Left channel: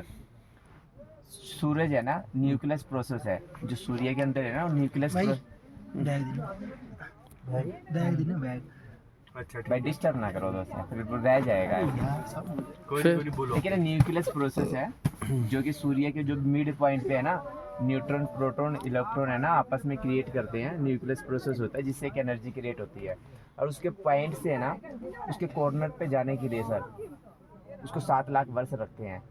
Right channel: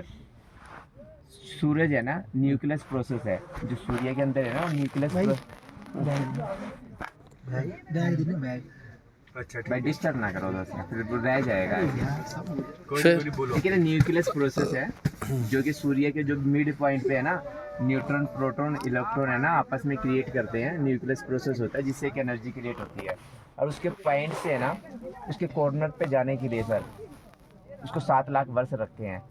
Sir. सूरज है ना, nucleus process है, जो सूर्य के अंदर है ना, न्यूक्लियस अच्छा भाई ठीक डिस्टर्ब ना करो दोस्त, फिर वो रह जाएगा। कोई फिर- नहीं बोलो। ठीक है ना, न्यूक्लियस प्रोसेस है जो कि सूर्य के जो मिड पॉइंट पे है ना, न्यूट्रॉन प्रोटॉन इलेक्ट्रॉन है ना, आपस में क्रिएट करते हैं। न्यूक्लियस प्रोसेस होता है जिससे एक एनर्जी क्रिएट होती है। और उसके पॉइंट से है ना, उसके कॉर्नर पे जाने के लिए सर उसको 7 लाख वर्ष रखते हैं।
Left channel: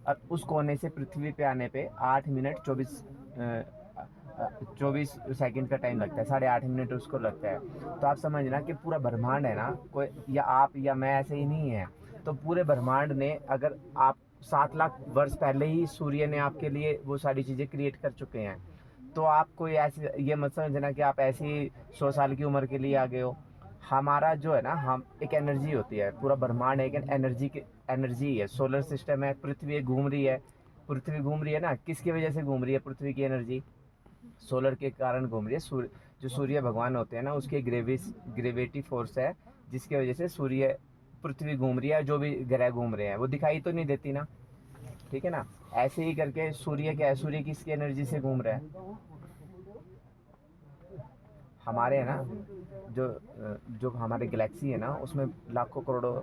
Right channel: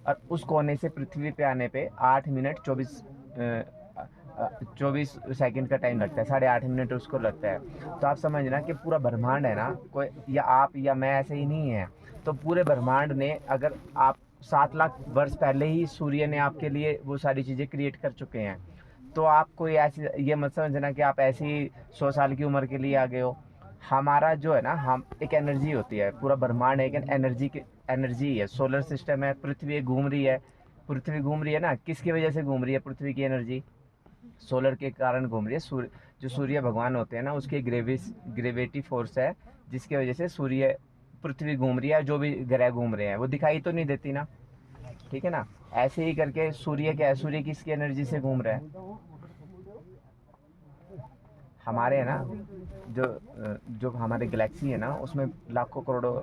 और उस कोने से पृथ्वी पे आने पे 8 मिनट 24 सेकंड का टाइम लगता है, 8.5 मिनट उसको लगता है। तो आप समझना कि पूरा ब्रह्मांड है ना, कोई या आप या मैं ऐसे ही नहीं है। तो पूरे ब्रह्मांड ने, अगर आप 7 लाख वर्ष पहले ही सूर्य ने आपके लिए वो सारी चीज़ें क्रिएट कर चुके हैं, तो आप कोई ऐसी ये मत समझना कि आप ऐसी 100 साल की उम्र के लिए आ गए हो। हमारा जो है ना, हम एक एनर्जी होती है, पूरा ब्रह्मांड एक एनर्जी की एनर्जी है। सोलर सिस्टम है, पृथ्वी घूम रही है। पृथ्वी घूम रही है ना, किसकी वजह से घूम रही है? पृथ्वी की एनर्जी सोलर के कारण घूम रही है। जो सूर्य भगवान होते हैं ना, उसके ग्रेविटी फोर्स है, जिसकी वजह से सूर्य पृथ्वी घूम रही है। जो भी ग्रह घूम रहे हैं वो दिखाई तो नहीं देती ना, ठीक है ना। ऐसे ही करके सूर्य क्या है, सूर्य किसकी एनर्जी से घूम रहा है? हमारे है ना, जो हमारे गैलेक्सी है ना, उसमें लाखों करोड़ों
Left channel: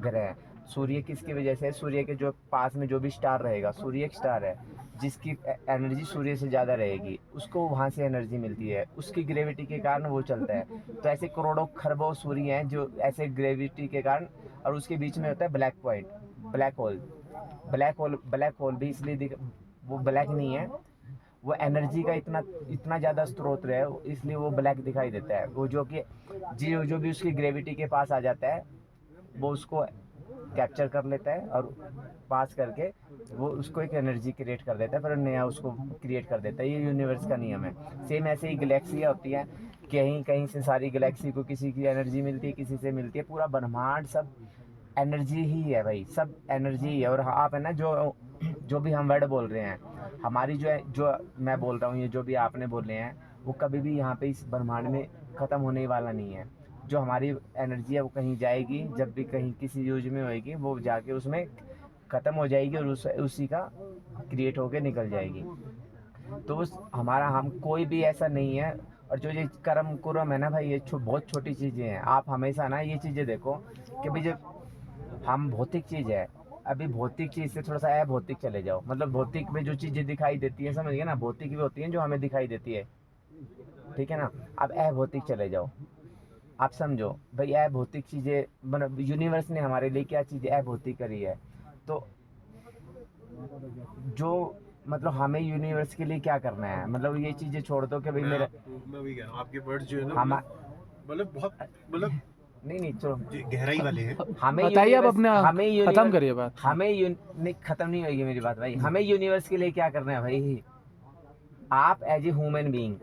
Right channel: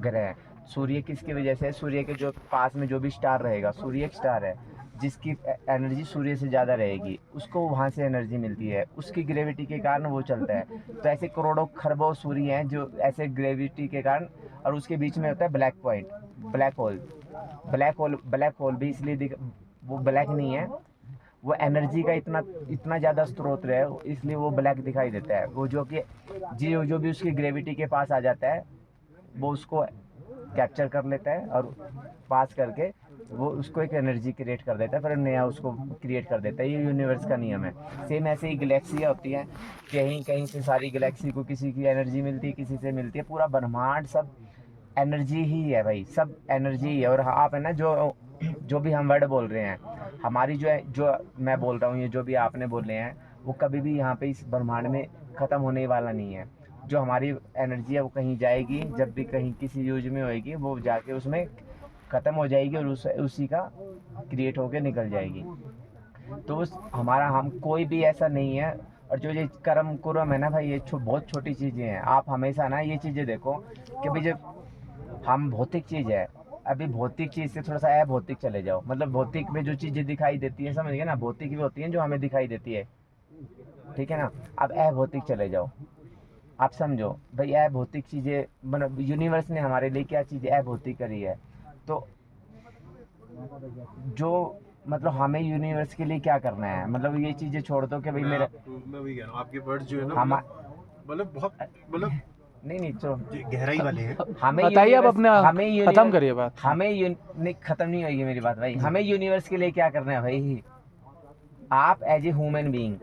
ग्रह हैं। सूर्य किसकी वजह से? सूर्य के जो पास में जो भी स्टार रहेगा, सूर्य एक स्टार है जिसकी एनर्जी सूर्य से ज़्यादा रहेगी, उसको वहाँ से एनर्जी मिलती है, उसकी ग्रेविटी के कारण वो चलता है। तो ऐसे करोड़ों खरबों सूर्य हैं जो ऐसे ग्रेविटी के कारण। और उसके बीच में होता है black point, black hole. Black hole भी इसलिए वो ब्लैक नहीं है, वो एनर्जी का इतना इतना ज़्यादा स्रोत है, इसलिए वो ब्लैक दिखाई देता है। वो जो कि जो भी उसकी ग्रेविटी के पास आ जाता है, वो उसको कैप्चर कर लेता है और पास करके वो उसको एक एनर्जी क्रिएट कर देता है, फिर नया उसको क्रिएट कर देता है। ये यूनिवर्स का नियम है। सेम ऐसे ही गैलेक्सियाँ होती हैं, कहीं कहीं से सारी गैलेक्सी को किसी की एनर्जी मिलती है, किसी से मिलती है। पूरा ब्रह्मांड सब एनर्जी ही है भाई, सब एनर्जी ही है। और आप है ना, जो भी हम वर्ड बोल रहे हैं, हमारी जो है, जो मैं बोल रहा हूँ, ये जो भी आपने बोले हैं, वो कभी भी यहाँ पे इस ब्रह्मांड में ख़त्म होने वाला नहीं है। जो हमारी एनर्जी है वो कहीं जाएगी, जब भी कहीं किसी यूज में होएगी वो जाके उसमें ख़त्म हो जाएगी और उसी का क्रिएट होके निकल जाएगी। तो उस हमारा हम कोई भी ऐसा नहीं है। और जो ये कर्म कुरम है ना भाई, ये बहुत छोटी चीज़ें हैं। आप हमेशा ना ये चीज़ें देखो कि भाई जब हम भौतिक चीज़ है, अभी भौतिक चीज़ से थोड़ा सा अभौतिक चले जाओ। मतलब भौतिक में जो चीज़ें दिखाई देती है, समझ गए ना, भौतिक भी होती हैं जो हमें दिखाई देती है, ठीक है ना। अब अभौतिक चले जाओ, आप समझो भाई, अभौतिक चीज़ें मतलब यूनिवर्स ने हमारे लिए क्या चीज़ें अभौतिक करी है। तो जो मतलब हमें यूनिवर्स के लिए क्या करना है, मतलब ये चीज़ें छोड़ दो कि भाई मेरा मैं वही कह रहा हूँ, आपके वर्ड्स जो है ना, हम मतलब बहुत मतलब नहीं तो गहराई वाले हैं। हमें बताइए आप यूनिवर्स अपने, हमें खत्म यूनिवर्स करिए बात। नहीं, खत्म नहीं होगी मेरी बात भाई। हमें यूनिवर्स के लिए क्या करना है भाई? आप एज ए ह्यूमन बीइंग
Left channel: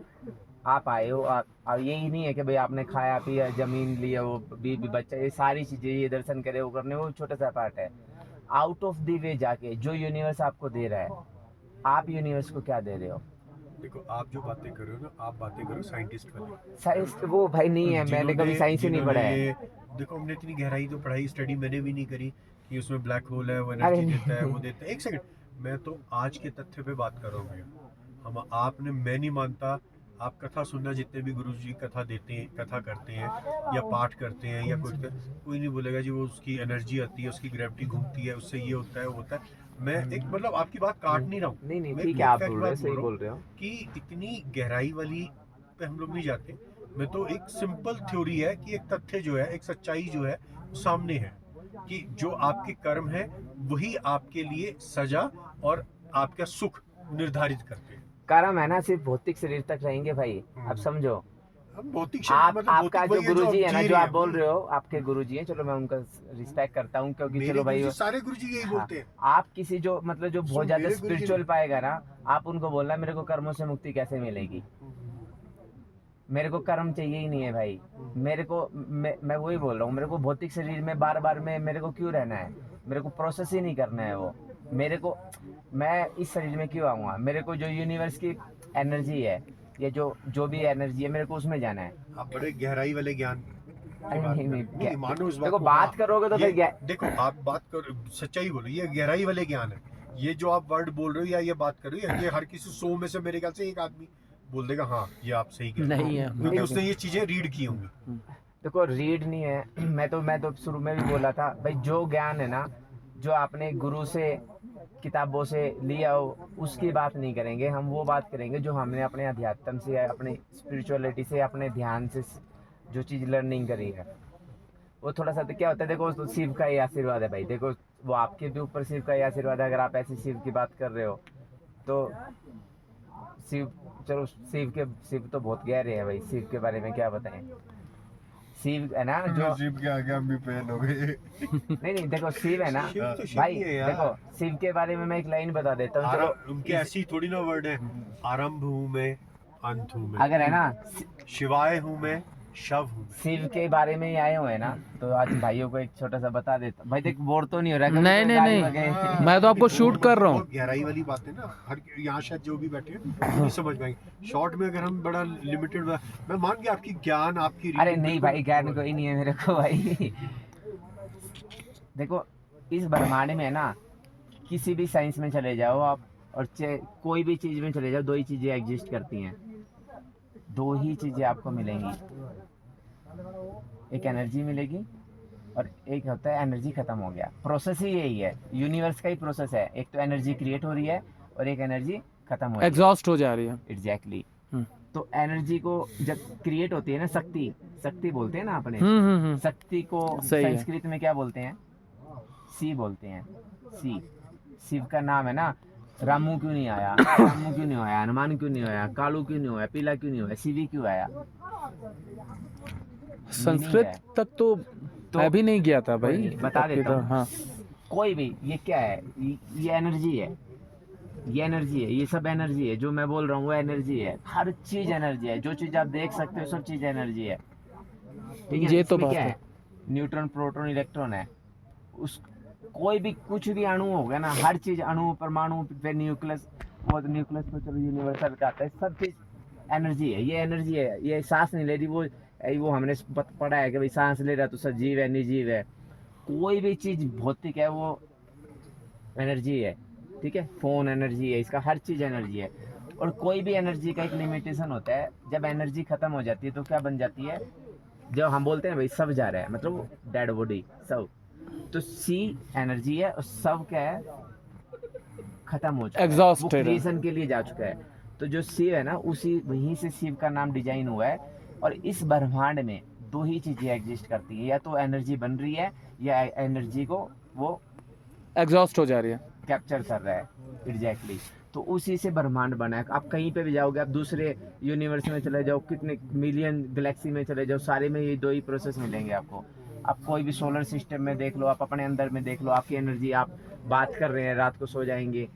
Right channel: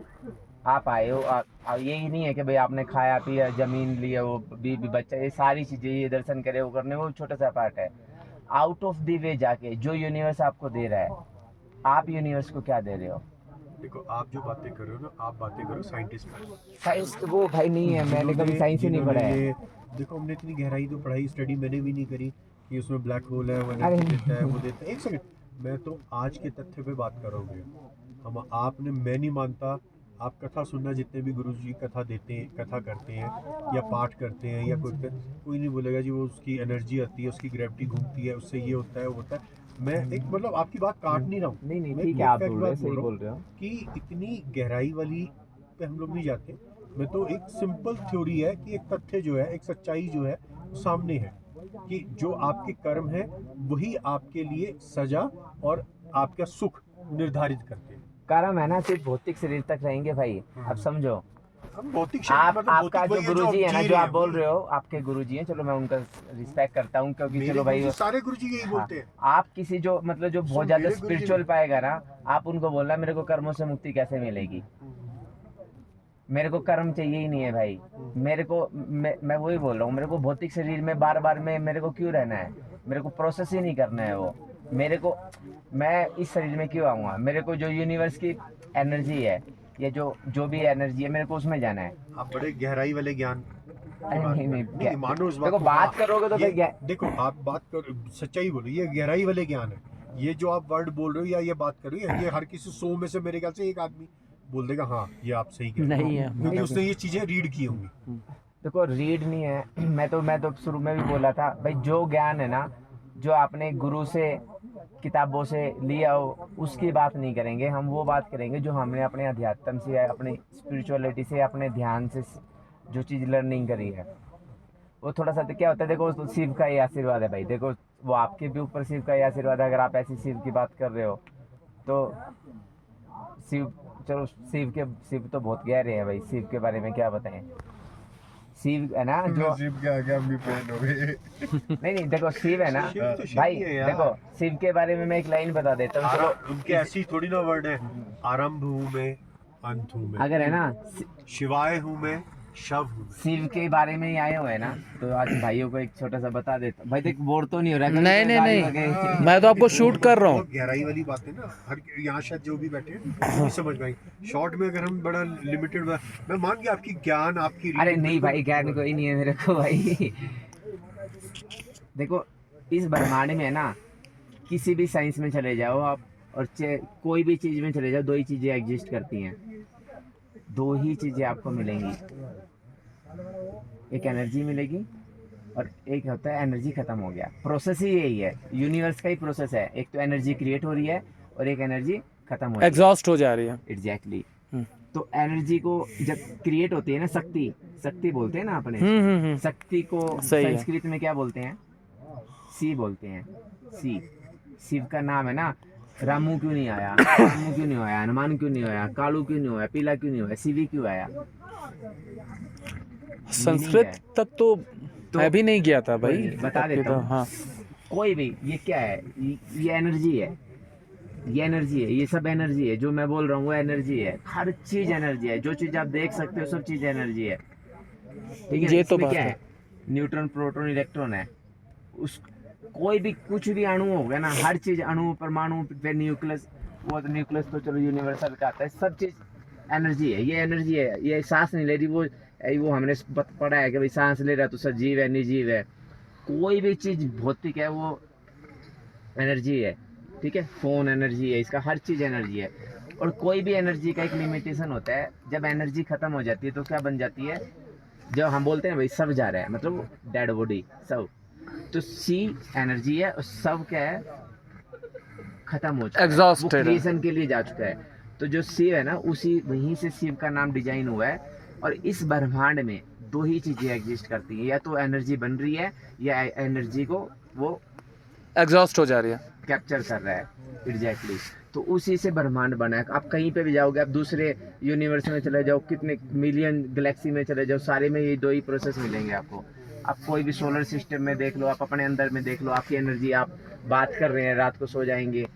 आप आए हो, आप यही नहीं है कि भाई आपने खाया पिया, जमीन लिया, वो बीबी बच्चा, ये सारी चीज़ें, ये दर्शन करे, वो करने, वो छोटा सा पार्ट है। आउट ऑफ द वे जाके जो यूनिवर्स आपको दे रहा है, आप यूनिवर्स को क्या दे रहे हो? देखो, आप जो बातें कर रहे हो ना, आप बातें करो साइंटिस्ट पर। साइंस तो वो भाई नहीं है, मैंने कभी साइंस ही नहीं पढ़ा है। ये देखो, हमने इतनी गहराई तो पढ़ाई स्टडी मैंने भी नहीं करी कि उसमें ब्लैक होल है, वो एनर्जी अरे देता है, वो देता है। एक सेकंड, मैं तो आज के तथ्य पे बात कर रहा हूँ भैया। हम आपने, मैं नहीं मानता, आप कथा सुनना, जितने भी गुरु जी कथा देते हैं, कथा करते हैं या पाठ करते हैं या कोई नहीं बोलेगा जी वो उसकी एनर्जी आती है, उसकी ग्रेविटी घूमती है, उससे ये होता है, वो होता है। मैं एक मतलब आपकी बात काट नहीं रहा हूँ, नहीं मैं ठीक है, एक आप फैक्ट बोल रहे बात हो, बोल सही रहा बोल रहे हो। हूँ कि इतनी गहराई वाली पे हम लोग नहीं जाते। मैं तो एक सिंपल थ्योरी है कि एक तथ्य जो है, एक सच्चाई जो है वो सामने है कि जो आपके कर्म है वही आपके लिए सजा और आपका सुख निर्धारित करते हैं। कर्म है ना सिर्फ भौतिक शरीर तक रहेंगे भाई, अब समझो। अब भौतिक आप मतलब आपका भौतिक जो वही है जो गुरुजी हम है ना, जी जो रहे आप हैं बोल वही। रहे हो, आपके गुरुजी हैं, चलो मैं उनका रिस्पेक्ट करता हूँ, क्योंकि मेरे चलो भाई गुरुजी, सारे गुरुजी यही हाँ, बोलते हैं। आप किसी जो मतलब जो बहुत सब ज्यादा मेरे गुरुजी स्पिरिचुअल नहीं। पाएगा ना, आप उनको बोलना मेरे को कर्मों से मुक्ति कैसे मिलेगी, मेरे को कर्म चाहिए ही नहीं है भाई। मेरे को मैं वही बोल रहा हूँ, मेरे को भौतिक शरीर में बार बार में मेरे को क्यों रहना है? मेरे को प्रोसेस ही नहीं करना है वो। मेरे को, मैं इस शरीर में क्यों आऊँगा? मेरे को जो यूनिवर्स की एनर्जी है, या जो भी एनर्जी है, मेरे को उसमें जाना है। आप बड़े गहराई वाले ज्ञान की अरे बात नहीं कर नहीं, रहे हैं। नहीं मानो इस बात देखो को, बात हाँ, करोगे तो ये फिर देखो, आप बात कर, सच्चाई बोलो, ये गहराई वाले ज्ञान है। ये जो आप वर्ड बोल रहे हो या ये बात कर रहे हो, ये हर किसी 100 में से मेरे ख्याल से एक आदमी बोल देगा हाँ ये आप सही कह रहे हो, नहीं है। क्योंकि उसने ये चीजें रीड की होंगी। देखो रीड नहीं है, मैं तो शुरू में भी बोला था भाई, जो ज्ञान है ना, जो आपने गुरु से किताबों से लिया हो, उसकी बात नहीं करेंगे हम। वो बात करेंगे जो हमने अपने अध्यात्म से, अपने स्पिरिचुअलिटी से, अपने ध्यान से जो चीज़ लर्निंग करी है। वो थोड़ा सा तो क्या होता है, देखो तो शिव का ही आशीर्वाद है भाई। देखो वो आपके भी ऊपर शिव का ही आशीर्वाद है। अगर आप ऐसी शिव की बात कर रहे हो तो शिव, चलो शिव तो बहुत गहरे हैं भाई। शिव के बारे में क्या बताएं। शिव है ना जो शिव के आगे हम भी पेन हो गए। नहीं देखो शिव है ना शिव तो शिव भाई। ही है यार। देखो शिव के बारे में मैं एक लाइन बता देता हूँ। चलो उनके ऐसी थोड़ी ना वर्ड है, आरंभ हूँ मैं अंत हूँ मैं, अगर है ना शिवाय हूँ मैं शव हूँ मैं। शिव के बारे में ही आए हुए हैं ना, तो आज भाइयों को एक छोटा सा बता देता भाई। देख बोर तो नहीं हो रहा कभी नहीं तो नहीं गाली नहीं, वगैरह- मैं तो आपको शूट कर रहा हूँ। बहुत गहराई वाली बात है ना, हर यहाँ शायद जो भी बैठे हैं वो नहीं समझ पाएंगे। शॉर्ट में अगर हम बड़ा लिमिटेड, मैं मान गया आपकी ज्ञान, आपकी अरे नहीं भाई, ज्ञान कोई नहीं है मेरे को भाई। देखो इस ब्रह्मांड में है ना, किसी भी साइंस में चले जाओ आप, और कोई भी चीज में चले जाओ, दो ही चीजें एग्जिस्ट करती हैं। दो ही चीजें आपको मिलेंगी, एक एनर्जी मिलेगी और एक होता है एनर्जी खत्म हो गया। प्रोसेस ही यही है, यूनिवर्स का ही प्रोसेस है। एक तो एनर्जी क्रिएट हो रही है और एक एनर्जी खत्म हो रही है। एग्जॉस्ट हो जा रही है। एग्जैक्टली। तो एनर्जी को जब क्रिएट होती है ना, शक्ति बोलते हैं ना अपने, शक्ति को सही है। संस्कृत में क्या बोलते हैं? सी बोलते हैं। सी, शिव का नाम है ना। रामू क्यों नहीं आया, रामू क्यों नहीं आया, हनुमान क्यों नहीं आया, कालू क्यों नहीं आया, पीला क्यों नहीं आया, शिवी क्यों आया? संस्कृत तक तो मैं भी नहीं गया था भाई। बता देता हूँ। हाँ, कोई भी, ये क्या है, ये एनर्जी है, ये एनर्जी है, ये सब एनर्जी है। जो मैं बोल रहा हूँ वो एनर्जी है। हर चीज एनर्जी है। जो चीज आप देख सकते हो सब चीज एनर्जी है। ठीक है। ये तो इसमें बात क्या है। है, न्यूट्रॉन प्रोटॉन इलेक्ट्रॉन है। उस कोई भी कुछ भी अणु होगा ना, हर चीज अणु, परमाणु, फिर न्यूक्लियस। वो तो न्यूक्लियस तो चलो यूनिवर्सल का आता है। सब चीज एनर्जी है। ये एनर्जी है। ये सांस नहीं ले रही, वो हमने पढ़ा है कि भाई सांस ले रहा तो सजीव है, निर्जीव है। कोई भी चीज भौतिक है वो एनर्जी है। ठीक है। फोन एनर्जी है, इसका हर चीज एनर्जी है। और कोई भी एनर्जी का एक लिमिटेशन होता है। जब एनर्जी खत्म हो जाती है तो क्या बन जाती है? जब हम बोलते हैं भाई सब जा रहा है, मतलब डेड बॉडी सब, तो सी एनर्जी है और सब क्या है, खत्म हो चुका है, वो Exhausted है। क्रिएशन के लिए जा चुका है। तो जो शिव है ना, उसी वहीं से शिव का नाम डिजाइन हुआ है। और इस ब्रह्मांड में दो ही चीजें एग्जिस्ट करती हैं, या तो एनर्जी बन रही है या एनर्जी को वो एग्जॉस्ट हो जा रही है। कैप्चर कर रहा है। एग्जैक्टली। तो उसी से ब्रह्मांड बना है। आप कहीं पे भी जाओगे, आप दूसरे यूनिवर्स में चले जाओ, कितने मिलियन गैलेक्सी में चले जाओ, सारे में ये दो ही प्रोसेस मिलेंगे आपको। आप कोई भी सोलर सिस्टम में देख लो, आप अपने अंदर में देख लो, आपकी एनर्जी, आप बात कर रहे हैं, रात को सो जाएंगे,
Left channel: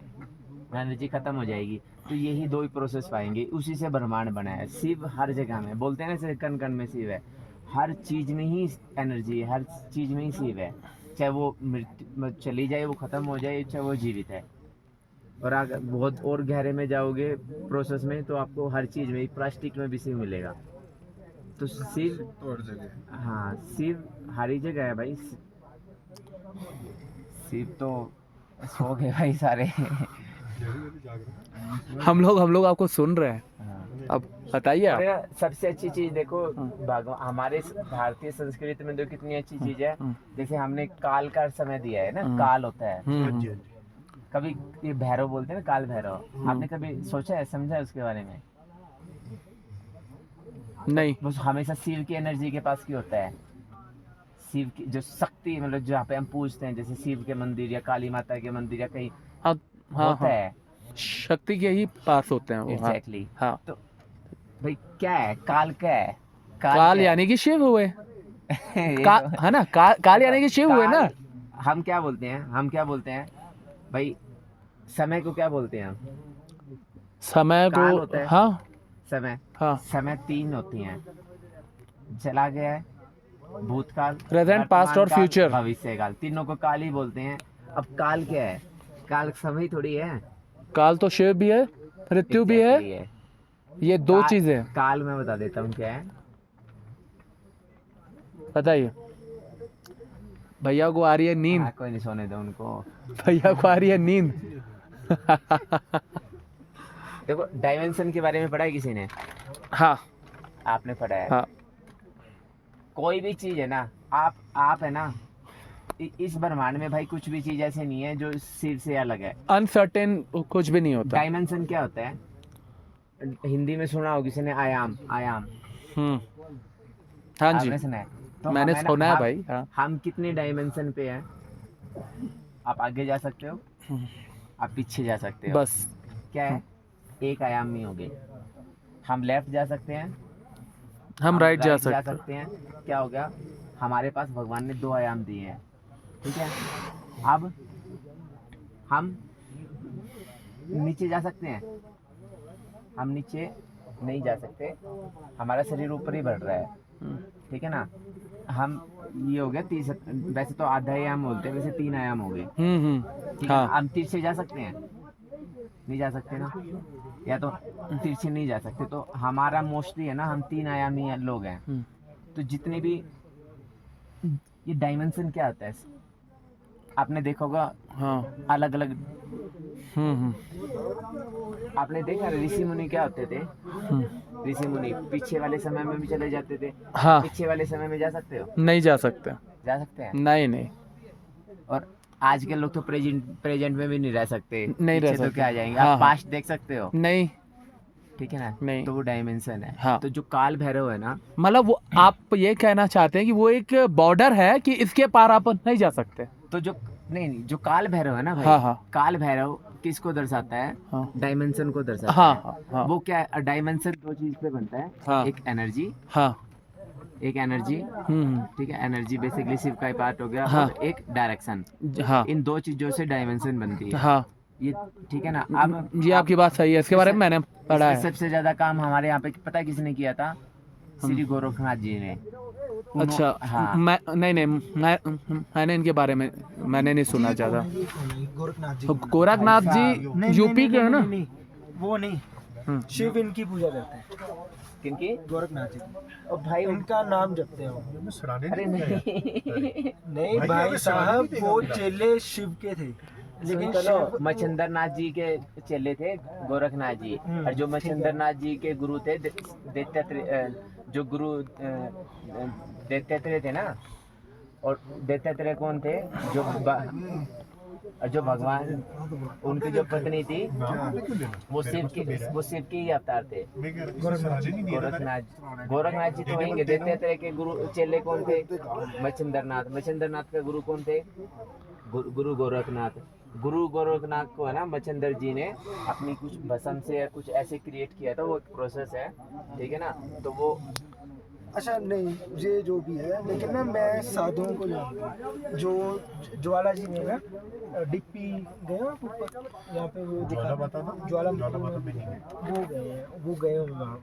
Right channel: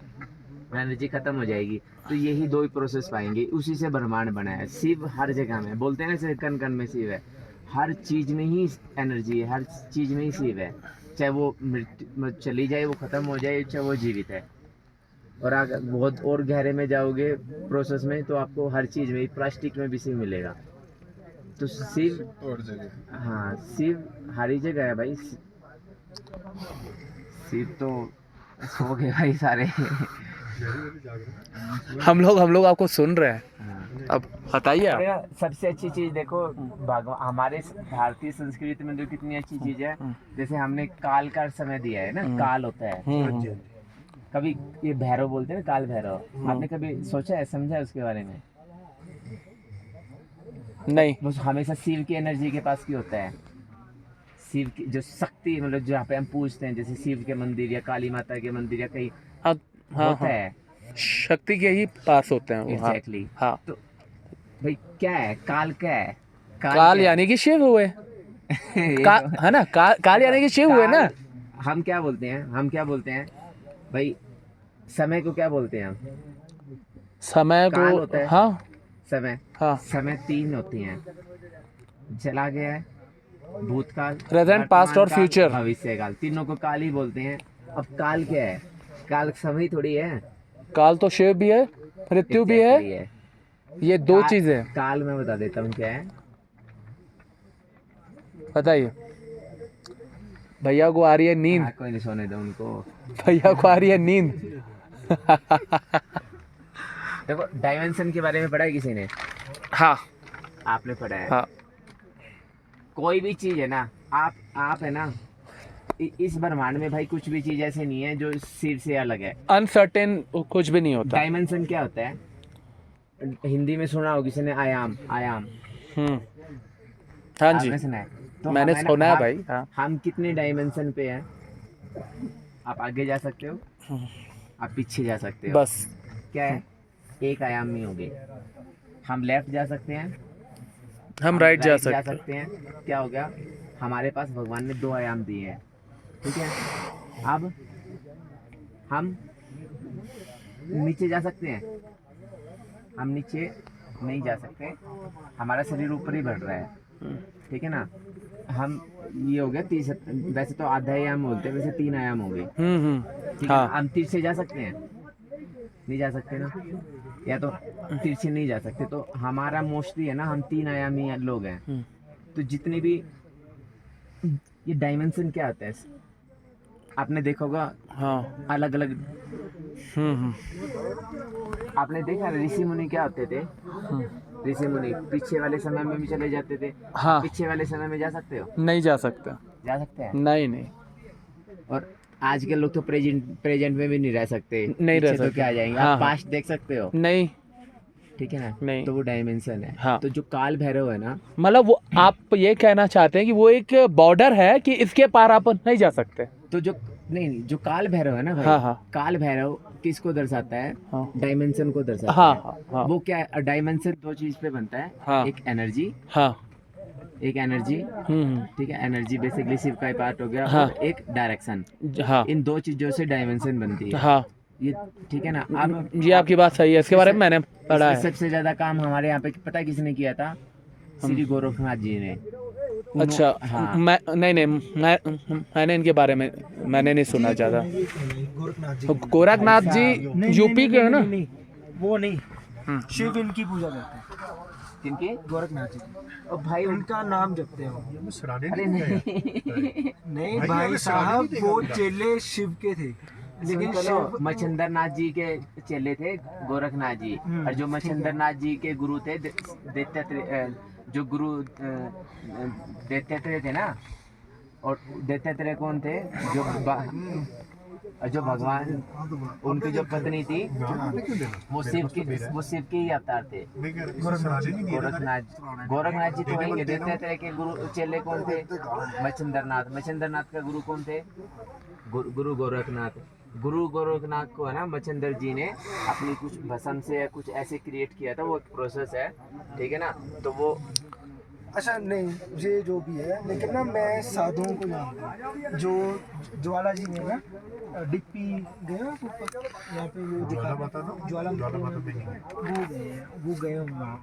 एनर्जी खत्म हो जाएगी। तो यही दो ही प्रोसेस पाएंगे, उसी से ब्रह्मांड बना है। शिव हर जगह में, बोलते हैं ना कण कण में शिव है। हर चीज में ही एनर्जी है, हर चीज में ही शिव है। चाहे वो मृत्यु चली जाए, वो खत्म हो जाए, चाहे वो जीवित है। और अगर बहुत और गहरे में जाओगे प्रोसेस में, तो आपको हर चीज में, प्लास्टिक में भी शिव मिलेगा। तो शिव, और जगह हाँ शिव हर ही जगह है भाई। शिव तो सो गए भाई सारे। हम लोग आपको सुन रहे हैं। हाँ। अब बताइए आप। अरे सबसे अच्छी चीज देखो, भगवान हमारे भारतीय संस्कृति में तो कितनी अच्छी चीज है। जैसे हमने काल का समय दिया है ना, काल होता है। कभी ये भैरव बोलते हैं ना, काल भैरव, आपने कभी सोचा है, समझा है उसके बारे में? नहीं। वो हमेशा शिव की एनर्जी के पास क्यों होता है? शिव की जो शक्ति, मतलब जहाँ पे हम पूछते हैं, जैसे शिव के मंदिर या काली माता के मंदिर या कहीं होता है, शक्ति के ही पास होते हैं वो। एग्जैक्टली। हाँ। तो भाई क्या है काल? क्या है काल क्या है? यानी कि शिव हुए। ये का, तो- है ना, काल यानी कि शिव हुए ना। काल- हम क्या बोलते हैं भाई? समय को क्या बोलते हैं हम? समय काल होता को। है। हाँ समय, हाँ। समय तीन होती हैं। चला गया है, भूतकाल, Present, past और वर्तमान काल, future। भविष्यकाल। तीनों को काल ही बोलते हैं। अब काल क्या है? काल समय थोड़ी है। काल तो शिव भी है, मृत्यु भी है। Exactly है। ये दो काल- चीजें। काल मैं बता देता हूँ क्या है। बताइए। भैया को आ रही है नींद, हाँ, कोई नहीं, सोने दो उनको। भैया को आ रही है नींद। देखो डायमेंशन के बारे में पढ़ा है किसी ने? हाँ आपने पढ़ा है? हाँ कोई भी चीज है ना, आप है ना, इस ब्रह्मांड में भाई कुछ भी चीज ऐसे नहीं है जो सिर से अलग है। अनसर्टेन कुछ भी नहीं होता। डायमेंशन क्या होता है? हिंदी में सुना हो किसी ने? आयाम, आयाम। हाँ जी, आपने सुना है? तो मैंने हम है ना, सुना है भाई। हाँ हम कितने डायमेंशन पे हैं? आप आगे जा सकते हो, आप पीछे जा सकते हो। बस क्या है? एक आयाम में हो गए। हम लेफ्ट जा सकते हैं, हम राइट जा जा सकते। सकते हैं। क्या हो गया? हमारे पास भगवान ने 2 आयाम दिए हैं, ठीक है। अब हम नीचे जा सकते हैं? हम नीचे नहीं जा सकते, हमारा शरीर ऊपर ही बढ़ रहा है, ठीक है ना। हम ये हो गया 30, वैसे तो आधा आयाम बोलते हैं, वैसे 3 आयाम हो गए, ठीक है ना। हाँ हम तिरछे जा सकते हैं? नहीं जा सकते ना, या तो तिरछे नहीं जा सकते। तो हमारा मोस्टली है ना, हम 3 आयामी लोग हैं। तो जितने भी ये डायमेंशन क्या होता है, आपने देखा होगा हाँ अलग अलग। आपने देखा ऋषि मुनि क्या होते थे? ऋषि मुनि पीछे वाले समय में भी चले जाते थे। हाँ पीछे वाले समय में जा सकते हो? नहीं जा सकते। जा सकते हैं। नहीं नहीं और आज के लोग तो प्रेजेंट में भी नहीं रह सकते। नहीं रह पीछे तो सकते। क्या आ जाएंगे? हाँ, आप हाँ। पास्ट देख सकते हो, नहीं ठीक है ना। नहीं। तो वो डायमेंशन है। हाँ। तो जो काल भैरव है ना, मतलब वो आप ये कहना चाहते हैं कि वो एक बॉर्डर है कि इसके पार आप नहीं जा सकते। तो जो नहीं, जो काल भैरव है ना भाई, हाँ, हाँ। काल भैरव किसको दर्शाता है? हाँ। डायमेंशन को दर्शाता हाँ, है। हाँ। वो क्या है? डायमेंशन 2 चीज पे बनता है। हाँ। एक एनर्जी, हाँ एक एनर्जी, ठीक है। एनर्जी बेसिकली शिव का ही पार्ट हो गया। हाँ। और एक डायरेक्शन। हाँ इन 2 चीजों से डायमेंशन बनती है। हाँ ये ठीक है ना। अब ये आपकी बात सही है, इसके बारे में मैंने पढ़ा इसमें है। सबसे ज्यादा काम हमारे यहाँ पे पता है किसने किया था? श्री गोरखनाथ जी ने। अच्छा हाँ। मैं नहीं मैंने इनके बारे में मैंने नहीं सुना ज़्यादा। गोरखनाथ जी यूपी के है ना? वो नहीं, शिव इनकी पूजा करते हैं। किनकी? गोरखनाथ जी की। और भाई इनका नाम जपते हैं वो। हमें सराहने अरे नहीं नहीं, नहीं भाई, भाई हमें साहब, सराहनीय वो देगा। चेले शिव के थे, लेकिन सुन तो लो, शिव मच्छिंद्र नाथ जी के चेले थे गोरखनाथ जी। और जो मच्छिंद्र नाथ जी के गुरु थे जो गुरु दैत्यात्रेय थे ना। और दैत्यात्रेय कौन थे? और जो भगवान, उनकी जो पत्नी थी, वो शिव के ही अवतार थे। गोरखनाथ जी तो वहीं के। दैत्यात्रेय के गुरु चेले कौन थे? मच्छिंद्र नाथ का गुरु कौन थे? गुरु गोरखनाथ। गुरु गोरखनाथ को है ना मच्छिंद्र जी ने अपनी कुछ भस्म से कुछ ऐसे क्रिएट किया था। वो एक प्रोसेस है, ठीक है ना। तो वो अच्छा नहीं, ये जो भी है, लेकिन ना मैं साधुओं को जानता हूँ। जो ज्वाला जी ने ना डिप्पी गए हो ऊपर, यहाँ पे वो ज्वाला माता ना? ज्वाला ज्वाला माता में नहीं है। वो गए हैं, वो गए हैं वहाँ।